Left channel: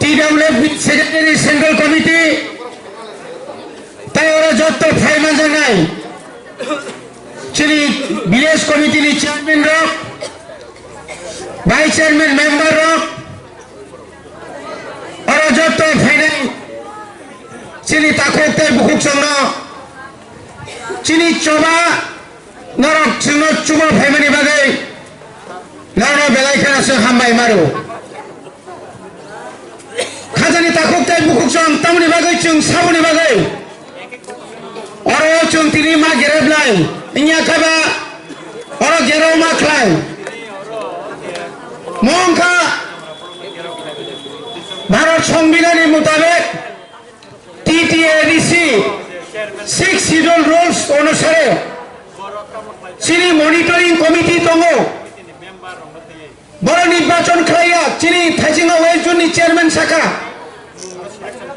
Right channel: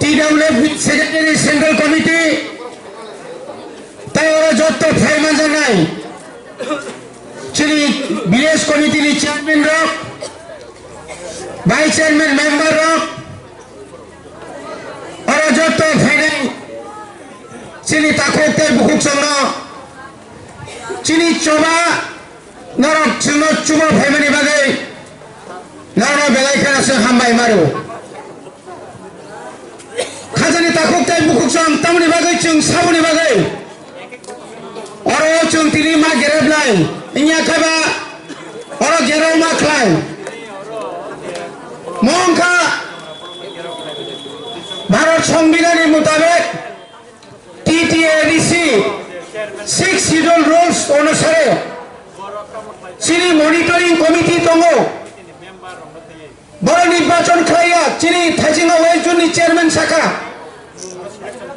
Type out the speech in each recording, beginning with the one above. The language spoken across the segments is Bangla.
TWF সেক্রেটারি সেন্ট্রাল কমিটি তাই ওরা যত ফাইমান জানাই চিনি ভিলেজ কমিটির chairman rock vice chairman member rock ওরা যত ফাইনাই চিনি তাকতে বুকুক সঙ্গ চিনি চবা নরক চিহ্ন চুব ফাইমানি বাগै নরক বেলাইখানা সে হামবাই মারো খাজানি তাকতে বুকুক সং তামনি বাগै जों साबुनि बागै अरो जों तिनि मा गेरेबलाय इया खाबा अरो गेरो मा खलाय मंखा भारत संविधाननि मुताबिक TTADC 6 शिड्यूल रूल्स अनुसारे चिनि मनिटरिं कमिटि दङ बड़ निर्वाचन खालाया चिनि थाइजिंगा वेस्ट जोननि चेयरमैन शाखा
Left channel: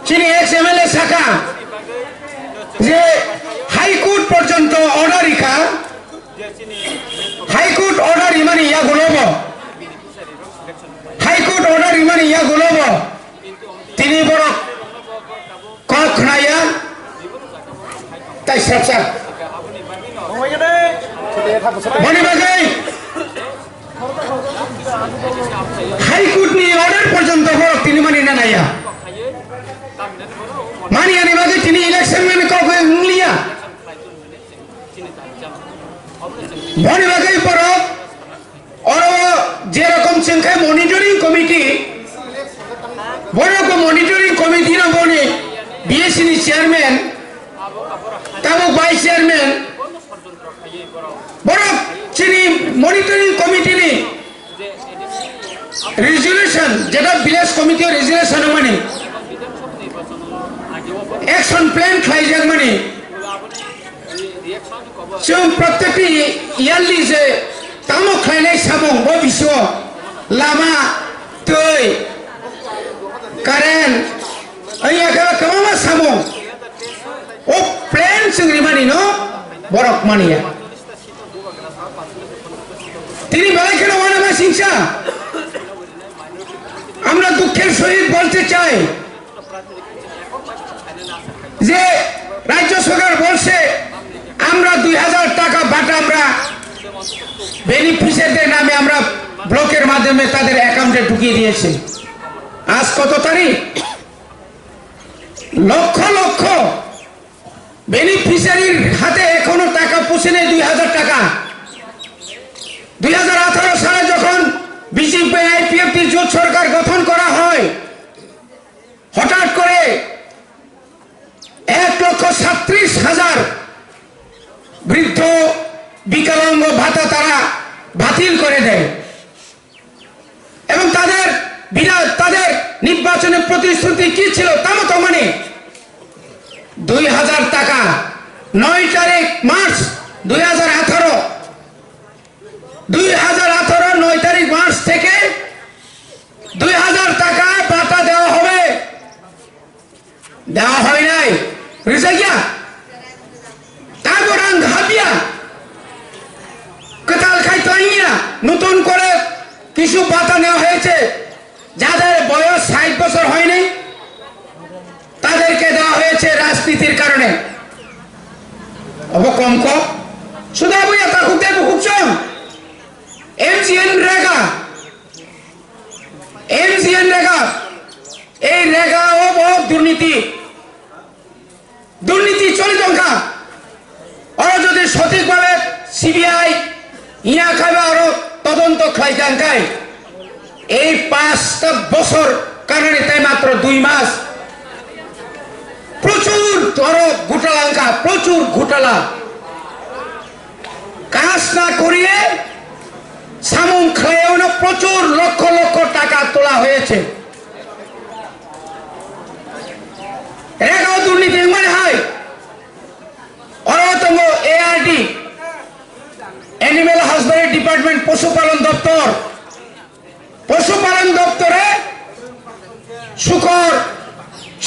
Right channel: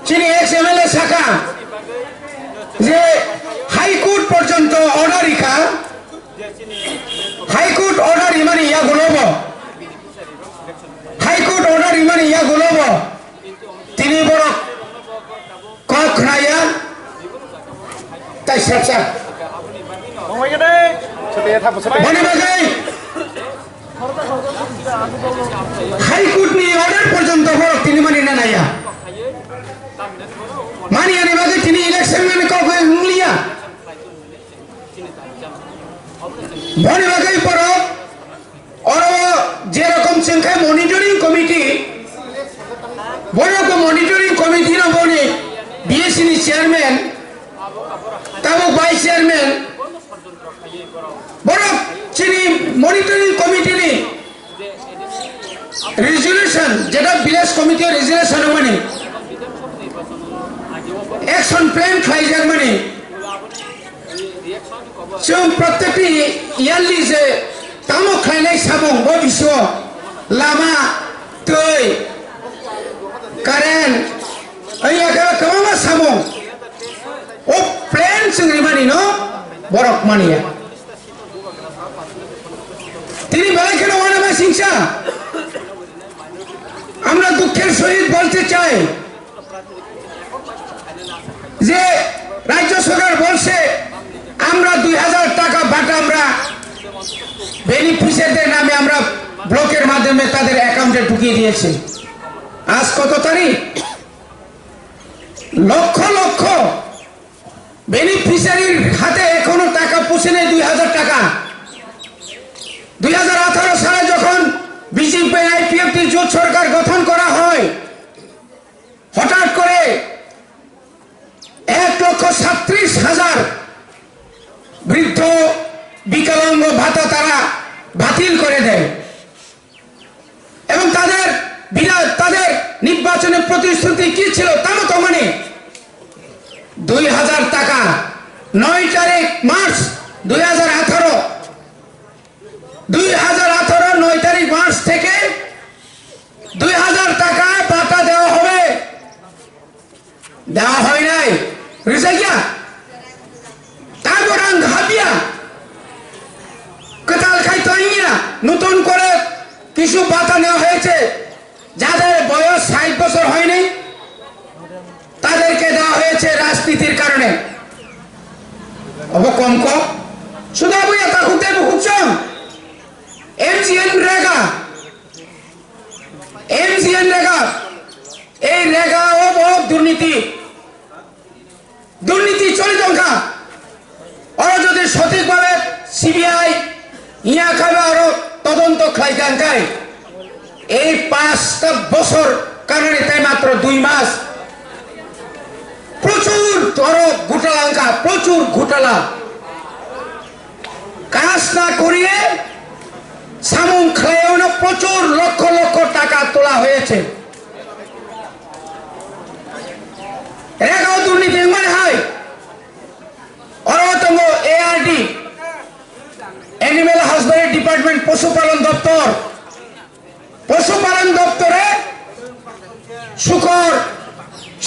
चिनि एक्स MLA शाखा जे हाईकोर्ट पर्यंत अर्डर इका हाईकोर्ट अर्डर इमानी या गुलब हाईकोर्ट अर्डर इमानी या गुलब तिनी बड़ कख नाया ताई सबसा बने बागै हाईकोर्ट नि अर्डर पर्यंत बड़ तिनी मानी ना नाया मानी आने बागे तिनी इलेक्शन में कब लिया बने बागे पर और जे रकम संख्या मॉनिटरिंग कमिटी बड़ो को मॉनिटरिंग कमिटी ना बने BSC नि चेयरमैन तब वाइस चेयरमैन बड़ो चिनी मॉनिटरिंग कमिटी नि रेजोल्यूशन जेटा विलेज कमिटी रेजोल्यूशन माने एक्शन प्लान खाइजाक माने जों प्रत्येकटी इयारलि जे तामो खाइनाय साबुं बो बिसो लामा दै कारेन्ट ओइया कबामा साबुं ओ प्लान जोंनि माने न बरक मानिया তিনি বেলাইখানে ওয়ানামা সিংসা আমরা দুঃখের সহিত বলতে চাই যে রাজ্য সরকার বলছে আমরা 2000 টাকা বাটা আমরা বেনিফিশিয়ারিদের নামে আমরা ব্লকের মাধ্যমে তাদের অ্যাকাউন্টে ঢুকিয়ে দিয়েছি আজ কত তারিখ লক্ষ লক্ষ বেনিফিশিয়ারির হাতে এখনো টাকা পৌঁছে নেই 2000 টাকা 2018 সালে যখন বিজেপি IPFT জোট সরকার গঠন করা হয় হঠাৎ করে 1,37,000 বৃদ্ধ বিকলাঙ্গ ভাতা তারা বাতিল করে দেয় এবং তাদের নির্বাচনের প্রতিশ্রুতি কি ছিল তা মতো মানে 2000 টাকা 9 তারিখ মার্চ 2018 9 তারিখ মার্চ থেকে 2000 টাকা বাটা দেওয়া হবে দেওয়া হয় নাই রিজাইয়া তারপর ঘাবিয়া কতাল খাইতাইয়া নতুন করে কিছু বাটা নেওয়া হয়েছে যাদের বয়স 60 বছর হয়নি তাদেরকে দেওয়া হয়েছে রাজনীতির কারণে অবকম কম শুধু বইয়া তা খুঁজতে খুঁজছম MGN রেগা এই রেগা ও বহুত দুর্নীতি চলে টঙ্কা ওরা যদি সঠিকভাবে CBI ইয়া খাবে আরো তদন্ত খাইকাঙ্কাই এই 5টা বছর কারণে তাই মাত্র 2 মাস প্রচুর ধরো ঘোটালাঙ্কা প্রচুর ঘোটালা কাজ না করিয়ে সামুং খায়ও প্রচুর লক্ষ লক্ষ টাকা তোলা হয়েছে রেগাও দুর্নীতি মানে হয় অরতঙ্গ ARD অ্যানিমেল হাজবেন্ডারি ডিপার্টমেন্ট পশুপালন দপ্তরে শুকর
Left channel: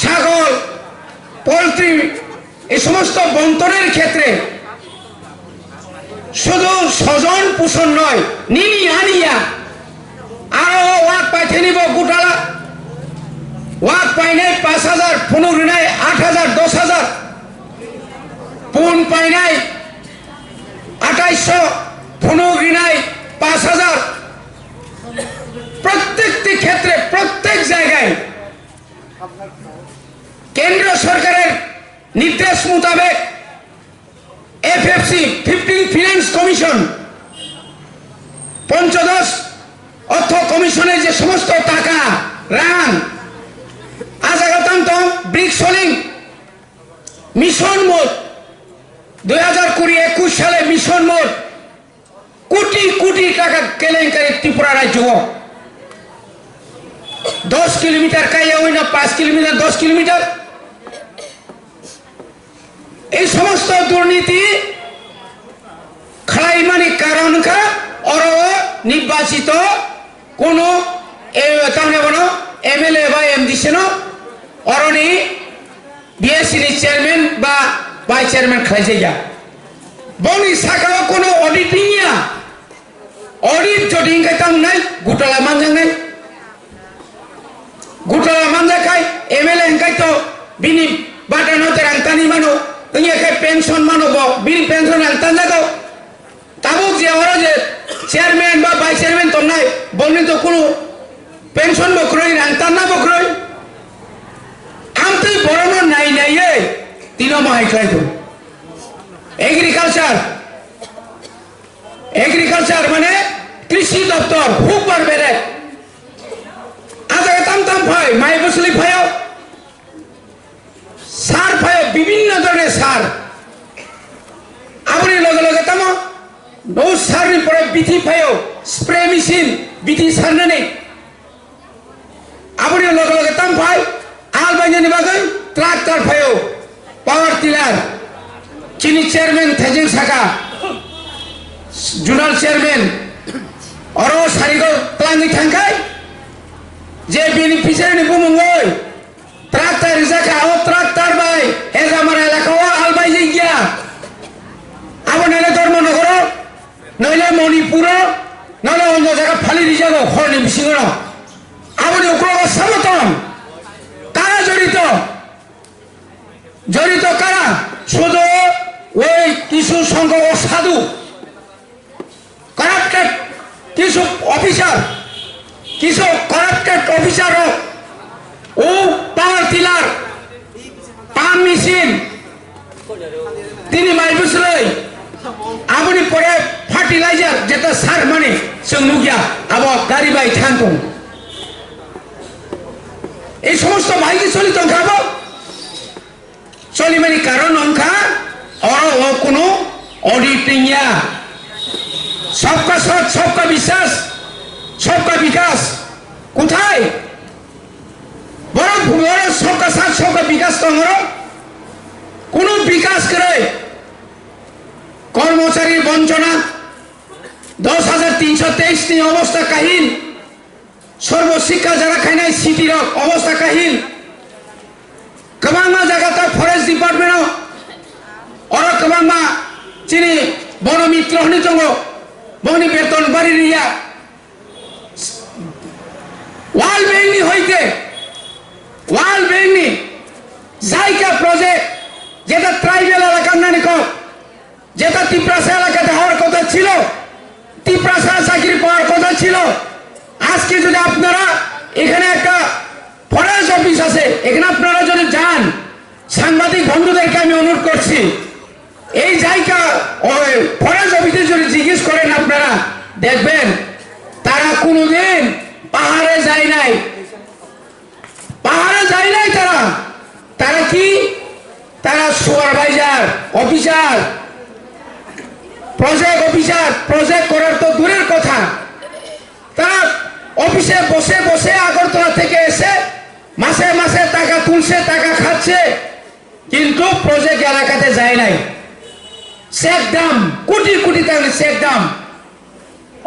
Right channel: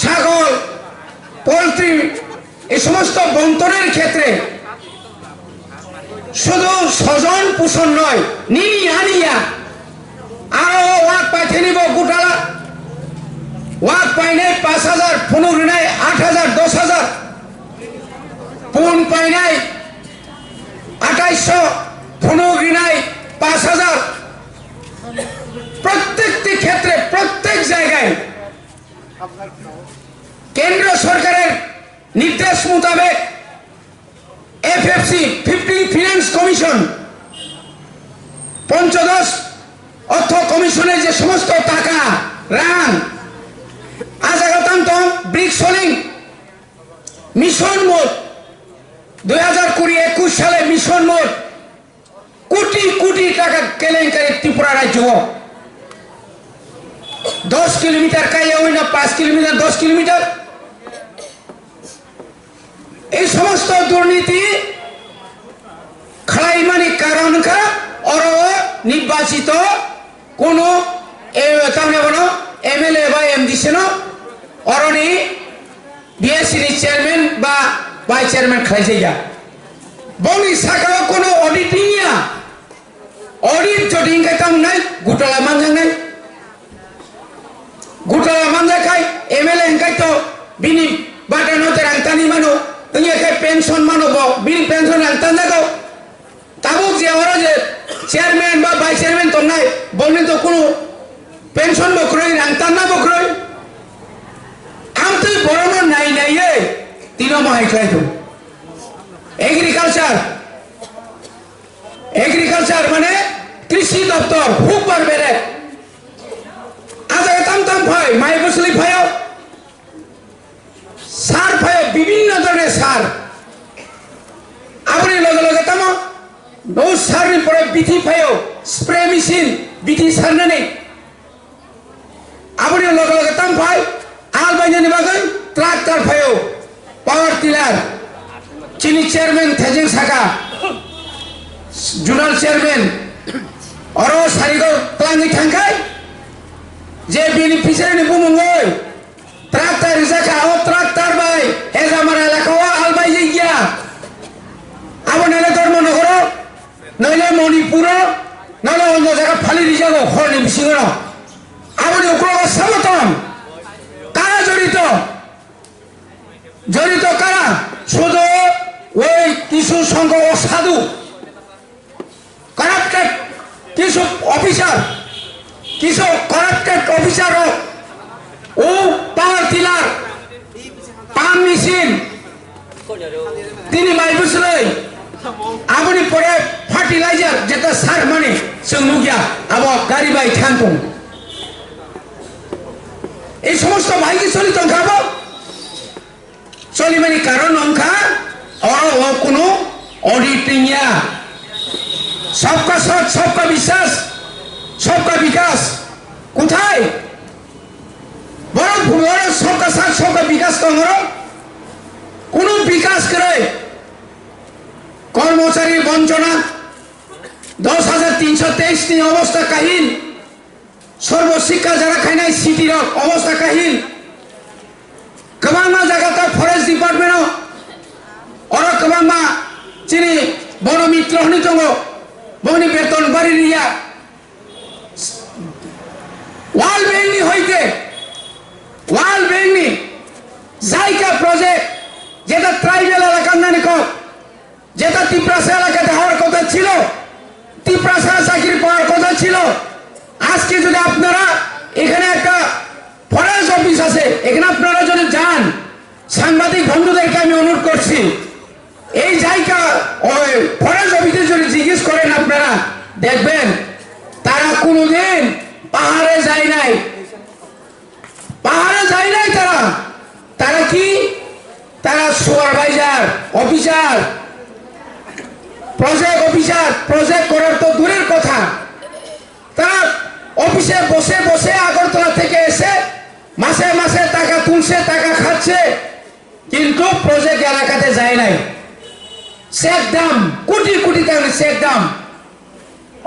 ছাগল পোল্ট্রি এই সমস্ত বন্টনের ক্ষেত্রে শুধু স্বজন পোষণ নয় নিনি আনিয়া আরো ওয়াক পাইতে নিব গোটালা ওয়াক পাইনাই 5,000 ফনুগ্রিনাই 8,000 10,000 পুন পাইনাই 2800 ফনুগ্রিনাই 5,000 প্রত্যেকটি ক্ষেত্রে প্রত্যেক জায়গায় কেন্দ্র সরকারের নির্দেশ মোতাবেক এফএফসি 15 ফিনান্স কমিশন পঞ্চদশ অর্থ কমিশনে যে সমস্ত টাকা রান আজাগতান্ত ব্রিক্সলিং মিশন মোট 2020-21 সালে মিশন মোট কোটি কোটি টাকা কেলেঙ্কারি ত্রিপুরা রাজ্য 10 কিলোমিটার কাইয়া হই না 5 কিলোমিটার 10 কিলোমিটার এই সমস্ত দুর্নীতি খালাইমানি কারণ কা और নির্বাচিত কোন এমএলএ বা এমডি সেন অরনি বিএসসি চেয়ারম্যান বা ভাইস চেয়ারম্যান খাইজাইয়া বনি সাকা কোন অডিটিং ইয়া অডিট যদি ইনকাইতাম নাই গুটালা মানজাং নাই গুটালা মানজাখাই এমএলএ ইনকাইতো বিনি বাটানো তেরাংতানি মানো ইনকাই পেনশন মানব বিল পেনশন আলতান জাগো তাবুক যে ওরা যে চেয়ারম্যান বা ভাইস চেয়ারম্যান তো নাই বলনি তো কোনো পেনশন বকরই রাংতান না বকরই আমতেই বড় নাই নাই এ তিন মাহাই খাইতো এগ্রিকালচার মানে কৃষি দপ্তর খুব বার বেড়ে আজ তাম তাম ভাই মাই বসলি ভাইও সার ভাই বিভিন্ন ধরনের সার আপনি লগে লগে তাম নো সারি পরে বিধি ফাইও স্প্রে মেশিন বিধি সারনাनै আপনি লগে লগে তাম ভাই আল বাইনানি বাগৈ ট্রাক্টর ফাইও পাওয়ার টিলার চিনি চেয়ারম্যান থেজিং সাকা জোনাল চেয়ারম্যান অর সারিগো প্লাঙ্গি থাঙ্কাই যে বেনিফিশিয়ারি বুমুঙ্গই ট্রাক্টর রিজাকা ও ট্রাক্টর বাই হেজ আমার এলাকাও আল বাইজি গিয়া আপনি ধর্মনগর নইলে মণিপুর নইলে অন্য জায়গা ফালি দিয়ে যাবো হরনি বিশিঙ্গ আপনি ওগুলো সমর্থন কারা জড়িত কারা শুধু ওই কিছু সংঘ অসাধু কারাপ্টেড কিছু অফিসার কিছু কারাপ্টেড অফিসার ও পাওয়ার টিলার পাম্প মেশিন তিনি মাইবুসলাই আপনি পরে ফার্টিলাইজার যেটা সার মানে সঙ্গিয়া আবার গাড়ি বাই থাকুন এই সমস্ত ভাইকে চলিত খাবো চলি মানে কারণ অঙ্কা ও কোনো অডিটিং সবকা সাথ সবকা বিশ্বাস সবকা বিকাশ কোথায় বড় বড় সবকা সাথ সবকা বিকাশ তোমরা কোনো বিকাশ করে কর্মচারীর বঞ্চনা 10,323 নি অবস্থা কাহিল সর্বশিক্ষা যারা খাই নাই সিটির অবস্থা কাহিল কবাংমা জায়গাটা ফরেস্ট ডিপার্টমেন্ট অর কবাংমা চিনি বন মিত্র হনি দङ বনি বেতন বাড়ি রিয়া ওয়াল বেংনি হইতে ওয়াল বেংনি জায়গা প্রজেক্ট যেটা ট্রাইবেল এলাকার নানি কো যেটা তিপ্রাসা এলাকাতে হওয়ার কথা ছিল তিপ্রাসা চাকরি পাওয়ার কথা ছিল আজকে যদি আপনারা এখানে একটা ফরেস্ট অফিস আছে এখানে আপনারা যদি যান সাংবাদিক বন্ধুদেরকে আমি অনুরোধ করছি এই জায়গা ফরেস্ট অফিসে যদি জিজ্ঞেস করেন আপনারা দেখবেন তারা কোনোদিন পাহাড়ে যায় নাই তারা কি তারা সুপারভাইজার অফিসার প্রজেক্ট করার তো দূরের কথা তারা অফিসে বসে বসে আগরতলা থেকে এসে মাসে মাসে টাকা তুলছে টাকা খাচ্ছে কিন্তু প্রজেক্ট এলাকাতে যায় নাই চেক দাম কোটি কোটি টাকা চেক দাম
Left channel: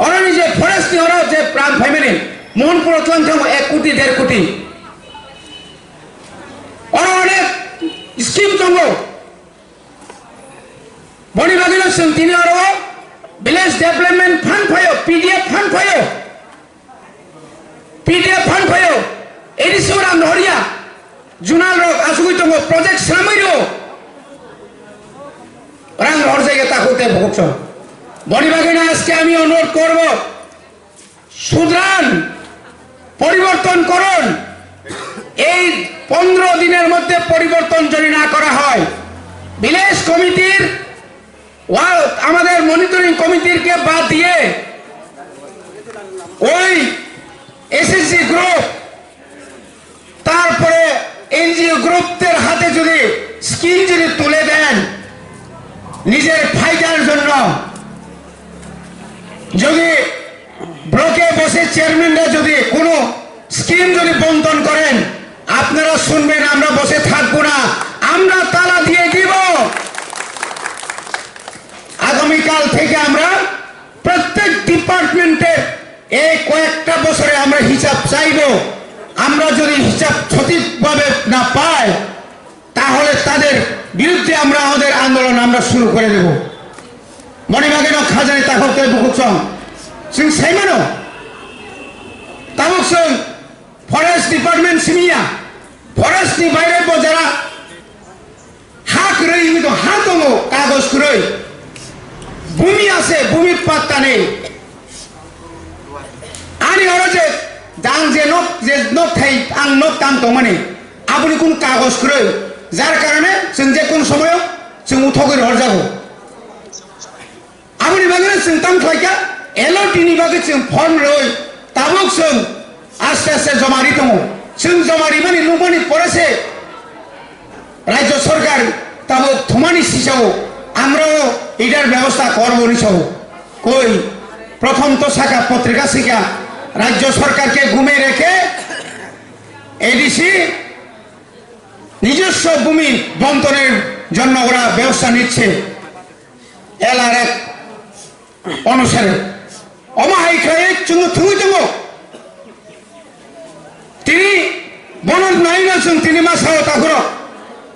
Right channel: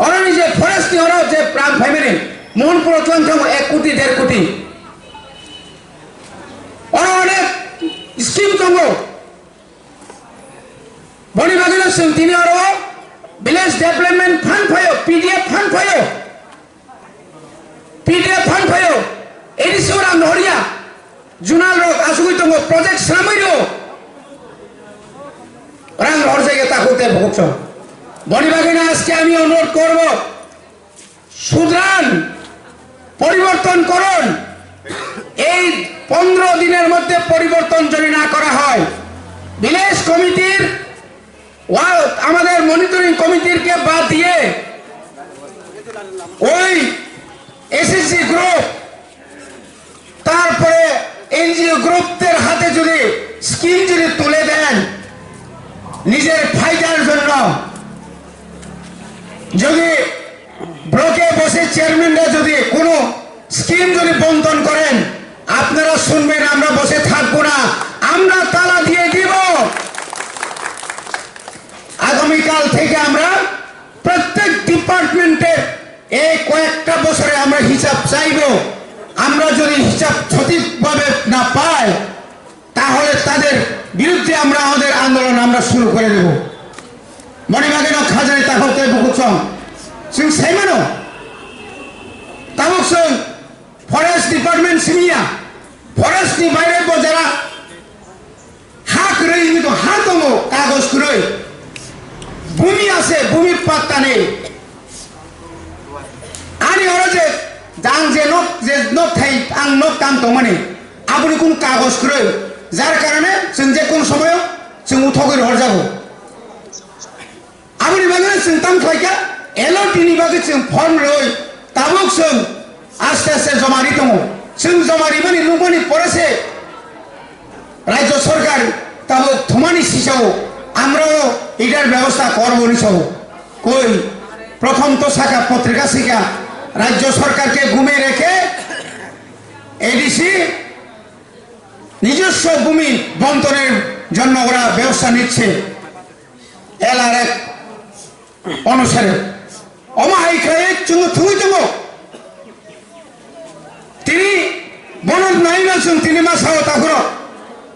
ওরা নিজে ফরেস্ট ওরা যে প্রাণ ফ্যামিলি মোহনপুর 1 কোটি 1.5 কোটি ওরা অনেক স্কিম দङ বনি বাগিল তিনি আরো ভিলেজ ডেভেলপমেন্ট ফান্ড ফাইও পিডিএফ ফান্ড ফাইও এটি seorang Noria Junal Rock asukui tongo project Samairo orang hor জায়গা তাকুতে ভুগছো বনি বাগানে আজকে আমি অনুরোধ করব সুদ্রান পরিবর্তন করুন এই 15 দিনের মধ্যে পরিবর্তন যদি না করা হয় ভিলেজ কমিটির আমাদের মনিটরিং কমিটির কে বাদ দিয়ে ওই এসএসসি গ্রুপ তারপরে এনজিও গ্রুপদের হাতে যদি স্কিম যদি তুলে দেন নিজের ফায়দার জন্য যদি ব্লকে বসে চেয়ারম্যানরা যদি কোনো স্কিম যদি বন্টন করেন আপনারা শুনবেন আমরা বসে থাকবো না আমরা তালা দিয়ে দিব আগামীকাল থেকে আমরা প্রত্যেক ডিপার্টমেন্টের এই কয়েকটা বছরে আমরা হিসাব চাইব আমরা যদি হিসাব সঠিকভাবে না পাই তাহলে তাদের বিরুদ্ধে আমরা আমাদের আন্দোলন আমরা শুরু করে দেব মনিবাগেন খাজানি তাহলে বুকুচং जों साइमानो ताबुक जों फरेस्ट डिपार्टमेंट सिमिया फरेस्ट नि बायरे बजारा हा क्रय नि तो हा दङ कागज क्रय भूमि আছে भूमि पात्ता নেই आनि हरो जे जां जे नक थाइ आं नक दाम दं माने आबुनि कोन कागज क्रय जार कारणे जों जे कोन समय जों उठगै हर जागो आबुनि बागै जों ताम थाइका एलओटीनि बागै जों फर्म रय ताबुक जों आस्ते आस्ते जमारि दङ जों जमारि माने लुमानि परेसे राज्य सरकार ताबुक थमानि सिसाव আমরাও এটার ব্যবস্থা করব নিছাও কই প্রথম তো শাখা পত্রিকা শিকা রাজ্য সরকারকে ঘুমে রেখে এডিসি নিজস্ব ভূমি বন্টনের জন্য ওরা ব্যবস্থা নিচ্ছে এলআরএফ অনুসারে অমাহাই খায়ে চুঙ্গু থুই দङ তিনি বনদ নাইনা जों তিনি মাসাও তাগর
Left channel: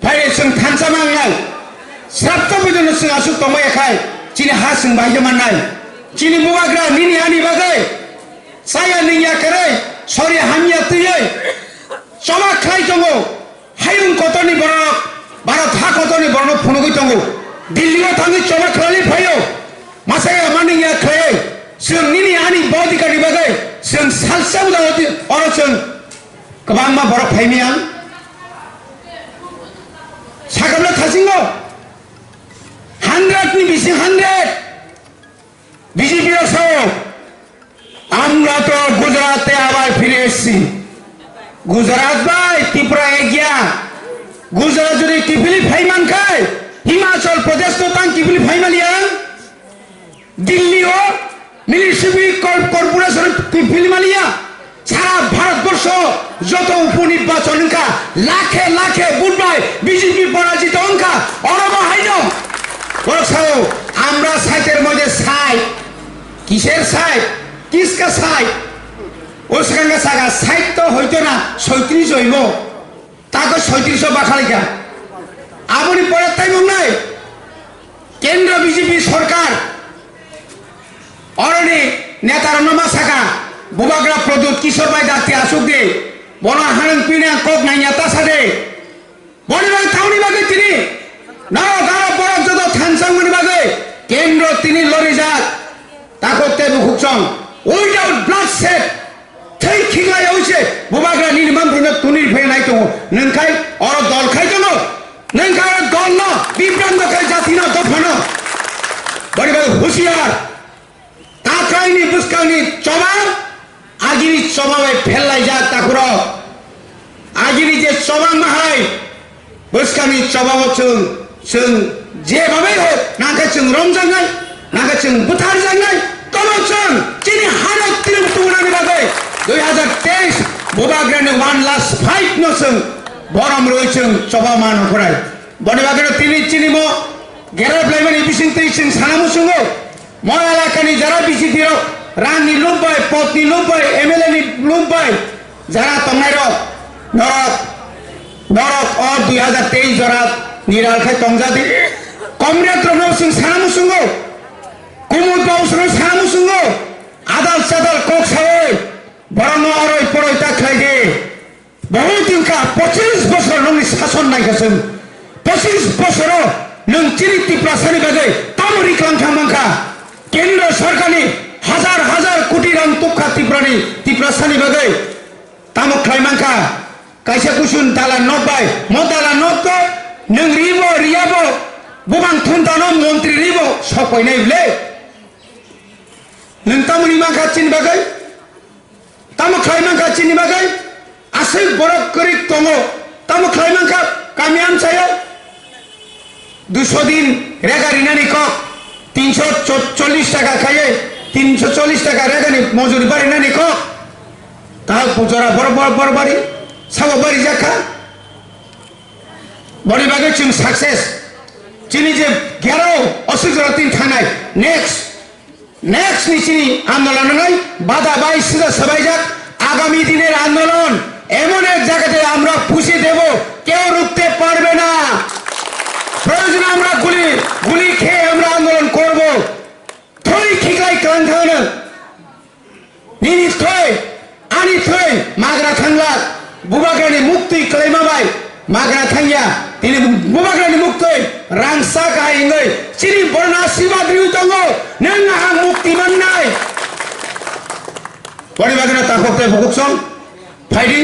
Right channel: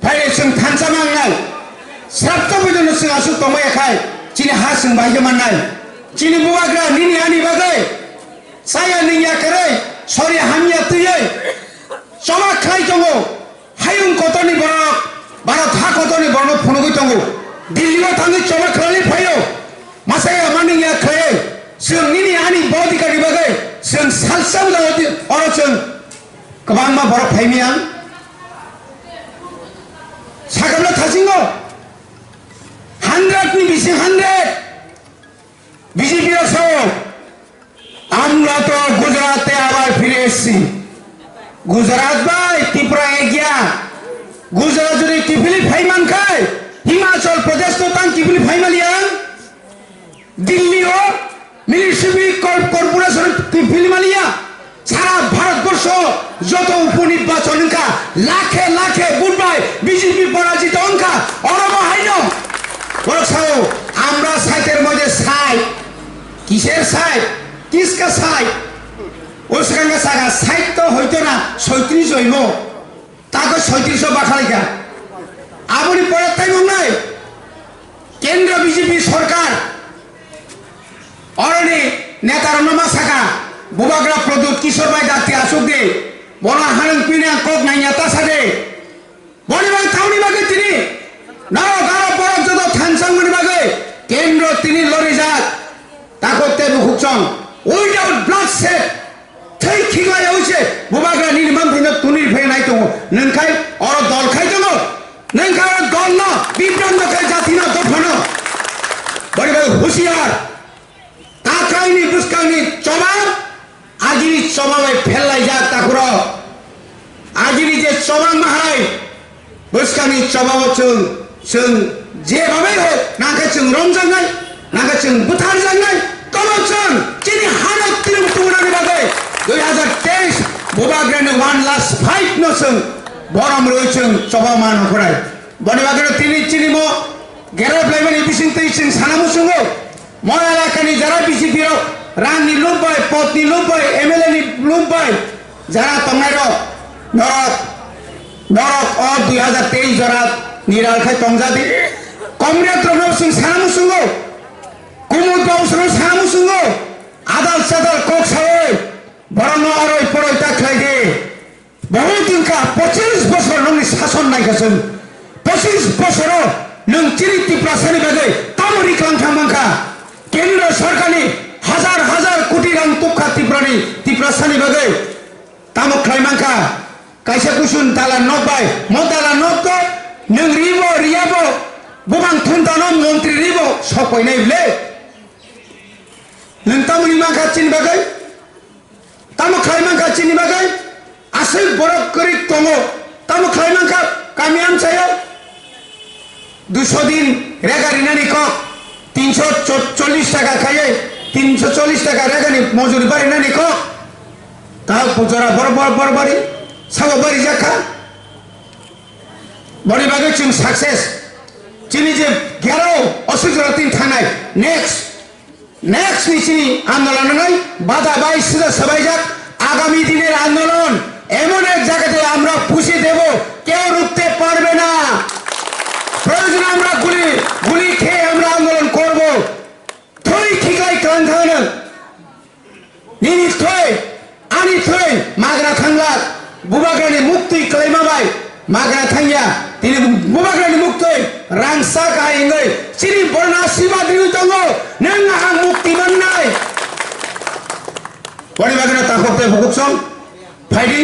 ফাই जों थानसा मांनाय Sabta bidon sing asu tomo yakai cini hasing bahaya manai cini buagra nini ani bagai saya niya kerai sorry hamya tuyai sama khai tongo hayung kotoni borok barat ha kotoni borok phunugui tongo Delhi lo thangi choma khlali phayo masaya maniya khai sing nini ani bodi kadi bagai sing salsa udawati oroceng kebangma borok phaimiang sagamla thasingo 100 ni bisi 100 BJP সহ আমরা তো গুজরাটে আবার ফিরে এসেছি গুজরাট ভাই ত্রিপুরা এগিয়া গুজরাট যদি কিফিলি ফাইমান খায় হিমাচল প্রদেশ তো তাং কিফিলি ফাইমালিয়াং দিল্লিও মিউনিসিপাল কর্পোরেশন কিফিলি মালিয়া সারা ভারতবর্ষ যত উপনির্বাচন অঙ্কা লাখে লাখে বুধবার বিজেপি পরাজিত অঙ্কা অরব হাইনো বলছাও আমরা সাইটের মধ্যে সাইট কিসের সাইট কিসকা সাইট ওসকাঙ্গা সাগা সাইট তো হইতো না 37 হইব তাকে 37 বাখালিকা আবুনি পরে তাই মনে কেন্দ্র বিজেপি সরকার অরণি নেতার নমা সাগা বুবাগ্রা প্রদূত কিশোর ভাই দাতি আসুক দে বড় হারং পিনা কক নাই নেতা সাদে বড়িবাগ থাউনি বাগে তিনি নাও গারো বড় যত থানসাংমনি বাগে কেন্দ্র তিনি লড়ে যাক তাকতে বুকুচং উইদাউট ব্লাড সেট থৈ খিগাই হইছে বুবাগ্রা নির্মাণ দিন তুনির ফে নাই তো নংখাই অর দল খাই তো নংখাই দল না বিভ্রান্ত খাই জাতি না দফন বড়িবাগ হুঁশিয়ার তাকাইনি বুসকানি চবা আগিরি চবাবে ফেলাই যাক তাকুর আগিরি যে চবা মাহাই বুসকানি চবাও जों जेभाबै होक नागा जों रंजानाय नागा जों बुथारजानाय कमन जों जिनि हादर तिरुपतिनि बागै 2023 बुबाग्रानि 1 लास्ट फाइट न जों बरम रय जों सभामान हराय बने बागै तिनि चिनिमो गेराब्लाइमानि बिसिं तैसिं सानामु जोङो मय एलाकानि जारा बिजेपि रांनि लुबाय पदनि लुबाय एमएलए नि लुबाय जारा तंनाय नरक 2023 जरा निरालखाय तंजादि कमरेड रनो सिं सानामुसुंगो कुमुद बाउसनो सानामुसुंगो आदाल सादाल कक सावै बरनो अरय परय ताख्लायदे বহু দিনকা 25 বছর নংনি শাসন নাইখাসों 25 বছর नों चिनी टिप्रासानि बागै तामरि क्लांखामांखा केंद्र सरकारनि हाजार हाजार कोटी रां तुखा टिप्रासानि बागै तामो खायमांखा कायसा कुसुन दाला नबाय म दाला नबो नों रिबो रियाबो बुबां थुनदानो मन्त्रि रिबो सफायनाय बिले नों तामनि मांखा चिनि बागै तामो खायमांखा चिनि बागै आसै बरफ करि तंगो तामो खायमांखा गामि आमसायाव 200 दिन रेगारिनानि कक 340 टाका खाये 340 टाका रेगानि मजुरी बारिनानि कक ता पुजरा बरबारी साबो बारि जाखा बड़ी बागै जों सक्सेस चिनि जे 11 असुजरा दिन थानाय नेक्स्ट नि चिनि आंदोलन নাই বাধা বাই সিধা সবাই যাক আগামী দিনের আন্দোলন এমন এক জায়গাতে আমরা পুষে দেব কেউ রুখতে পারবে না প্রয়োজন আমরা গুলি খেয়ে আমরা আন্দোলন করব থই খিকাই ক্লান্থানো নিনি থই আনি থই মাগরা থাংলা বুবাগ্রানি মুক্তি ক্লেমাবাই মাগরা থাংয়া তিনি বুবাগ্রানি মুক্তি রাংসা কাইঙ্গै চিনি বর্ণা শিবা দিউ দङ नों आं मुक्ति मोननाय बड़ी बागरा ताखोते बुकुसं फाइदि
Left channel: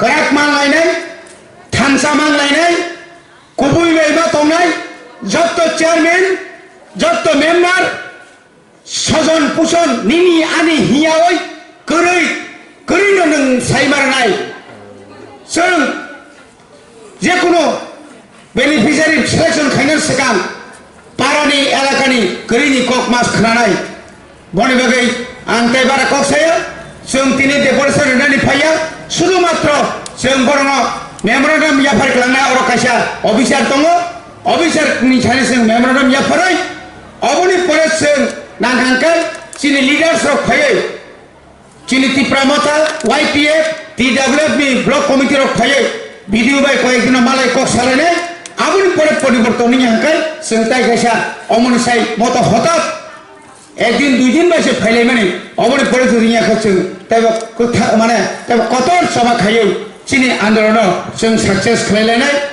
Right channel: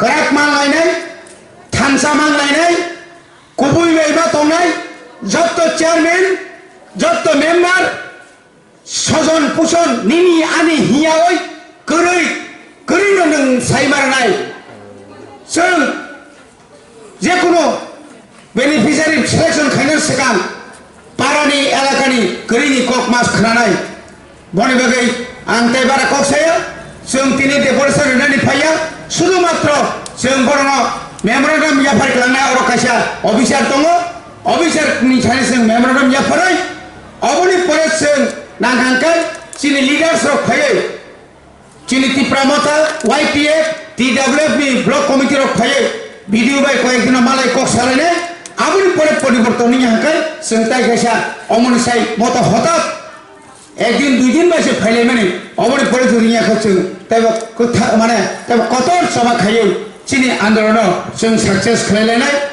कराक मांलायनाय थानसा मांलायनाय कुबुई बेबा तंनाय जत्त चेयरमैन जत्त मेम्बार सजन पुसन निनि आनि हियावै करै नों साइमारनाय जों जेकुनु बेनिफिसियारि सिलेक्शन खायनो सिगां पारानि एलाकानि करिनि कक मास खोनानाय बनि बागै आं तेबारा कक साया जों तिनि डेपुटेसन होनानै फाया शुधु मात्र जों बरङ मेमोरेन्डाम याफार खालामनाय अर कायसा अफिसार दङ अफिसारनि सानै जों मेमोरेन्डाम याफारै अबनि परे जों नांखांखाय चिनि लिडार्स रक फायै चिनि तिप्रामता वाइपिएफ टीडब्ल्यूएफ नि ब्लक कमिटि रक फायै भिडिअ बाय कयेकदिन मालाय कक सालायनाय आबुनि परे परिवर्तननि हांखाय जों ताइ कायसा अमनि साइ मत हठात একদিন দুই দিন বাইসে ফাইলাই মানে অবনি পরে দুনিয়া খাচ্ছে তাই মানে কত সভা খাইয়ে চিনি আন্দোলন जों सक्सेस खालायलायनाय